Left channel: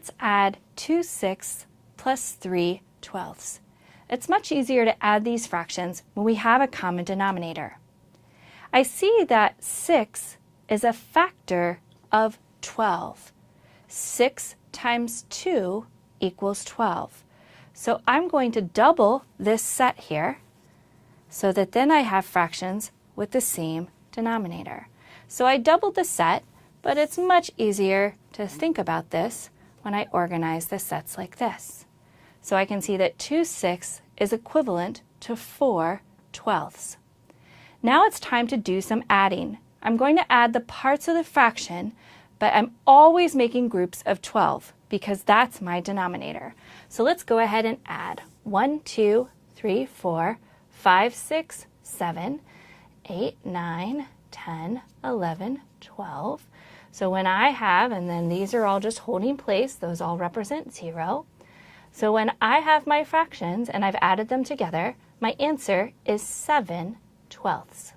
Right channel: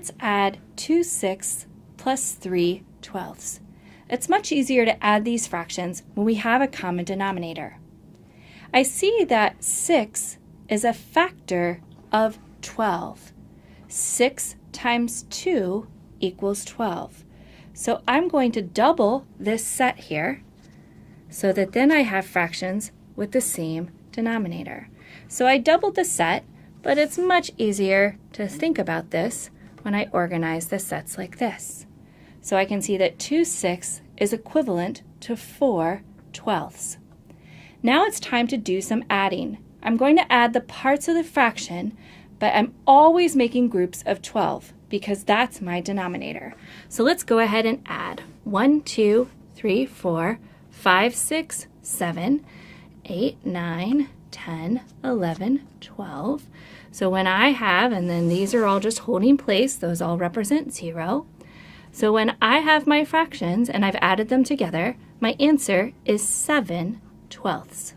let's add 2/6 plus 3/12. It's much easier to add these fractions when we have a common denominator. I see that 6 is a factor of 12. 6 times 2 equals 12. So I'm going to double this set here so that then I have fractions with the same denominator. So I doubled the set, but it's much easier to think about this when I organize the sets like this. So I can see that 2/6 is equivalent to 4/12. Now it's time to do some adding. I'm going to add the parts of the fraction, but I'm always making groups of 12 because that's my denominator. So let's go ahead and add 1, 2, 3, 4, 5, 6, 7, 8, 9, 10, 11, 12. So when I have, and then these are all just holding place, those all represent 0. So when I have my fractions and I've added them together, my answer is 7/12.